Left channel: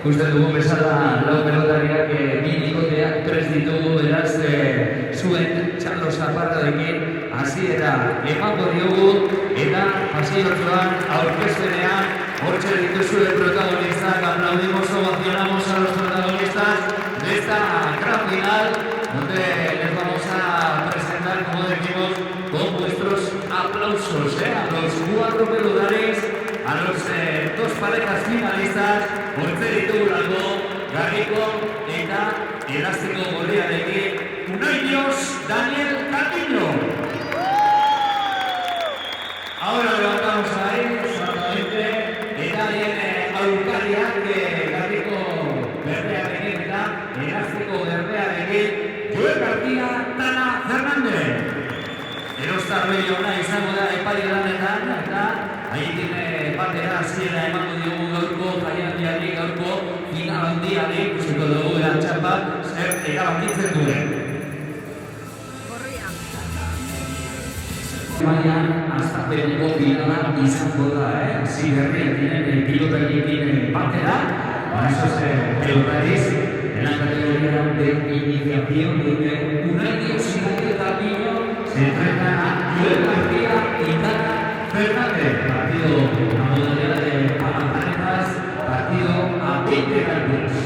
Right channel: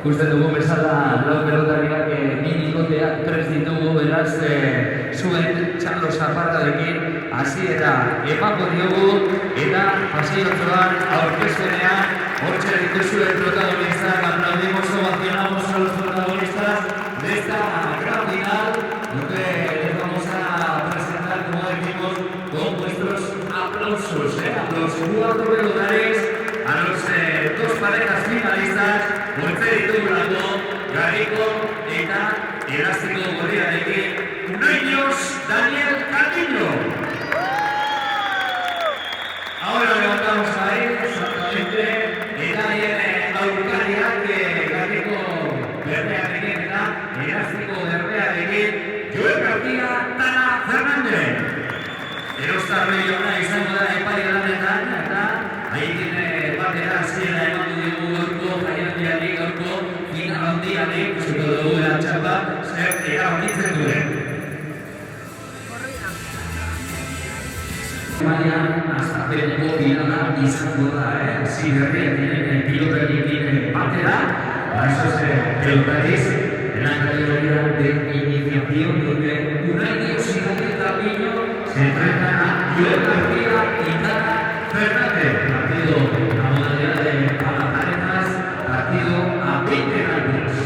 Ikusten dugu bezala lau pelotariak bi bikoteak prest ditugu, beraz zuen txalo zaparradekin hasiera emango diogu eta pasiotxoan aurkezpenean hortxe dituzue protagonistak. Aplaudimos, ovacionamos a los protagonistas de esta gran final, donde les vamos a presentar, como decimos, con vuestros aplausos a los 4 pelotares, a los 2 parejas finalistas. Hortxe ditugulako Gariko eta Elastiko Gorriarekin Unaiños Daniel Carrillo. Ahora levantamos ahí, exactamente, eta bien aurkariak Gariko Berdearekin eta Elastiko Berdearekin Joel García Tana Fernández. Erostarri ona izango da epai lanetan eta haiekin batera hasiera emango diogu gaurko jaialdiari, gaurko finalandiari, ikusiko dugu txapa zer erabakitzen duen. Baina, azkapeneko finala izango da, ziberriak pilotariekin batera, esos pelotariz, en la categoría de iniciación, donde Unaiños y Daniel Carrillo se enfrentan a Joel García y Tana Fernández. Partido a modalidad de parejas, partido a 20 gallos.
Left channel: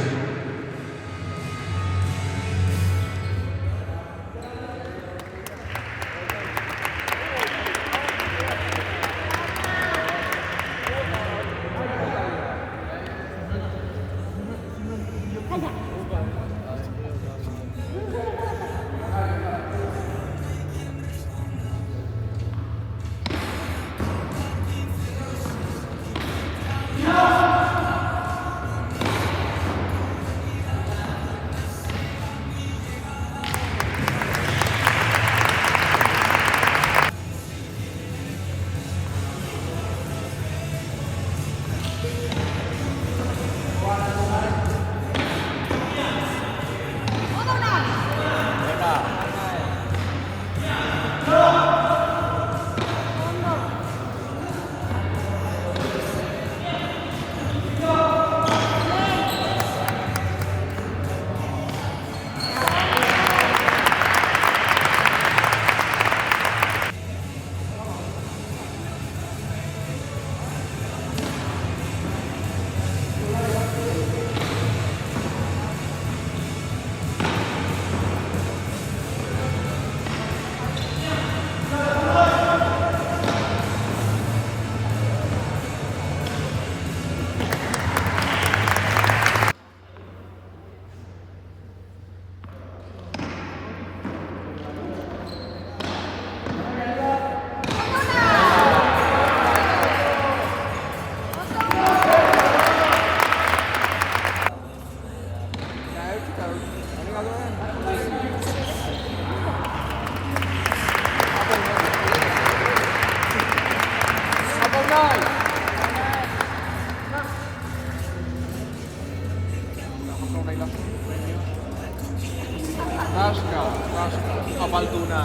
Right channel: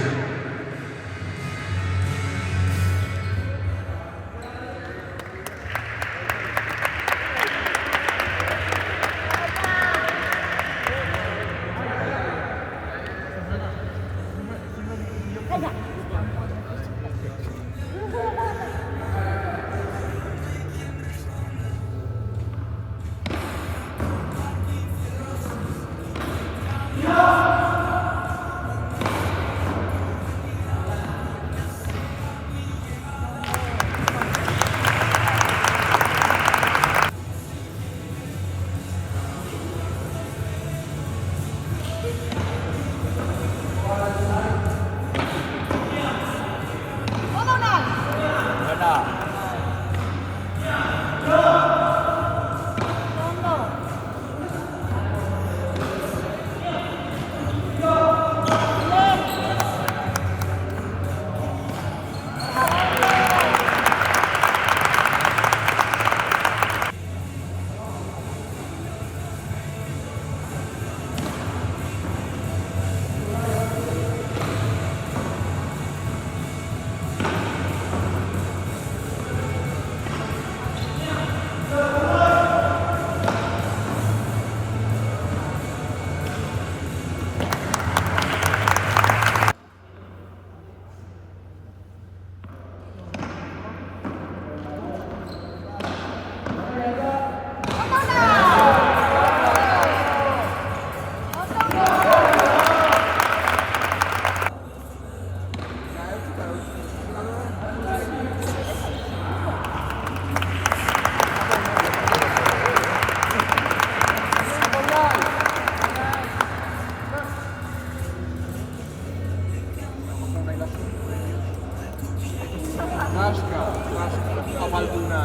Apaltuna.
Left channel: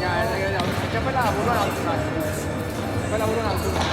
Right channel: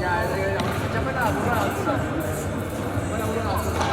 Ya, siapa lah buruan Altuna. Kalau buruan Altuna.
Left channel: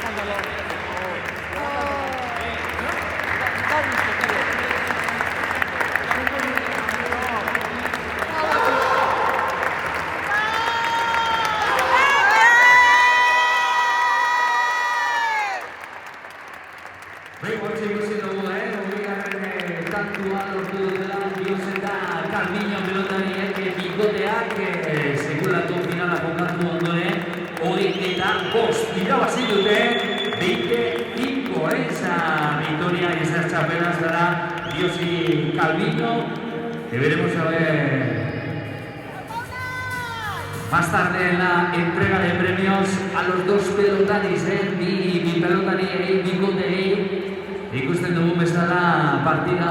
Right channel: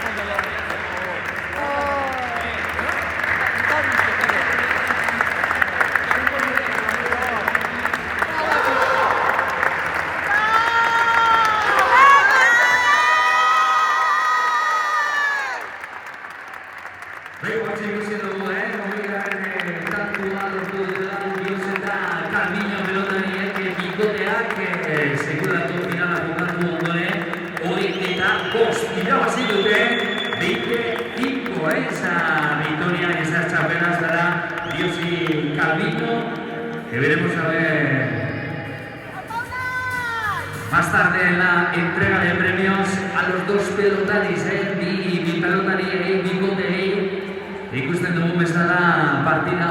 levántalo, por favor. Levántalo. Está listo, tío. Hortxe ikusi dugu, hogeigarren tantua lortu dutela Bioseta Calviño pelotariak bikoteak sekulako finala jokatu ondoren 25 irabazi dute 25 esa victoria y esa chapela será Biosi Calviño, que veremos a ver más tarde en la entrega de premios a los dos pelotaris, bi pelotari bikoteei ikusten dugu bezala partida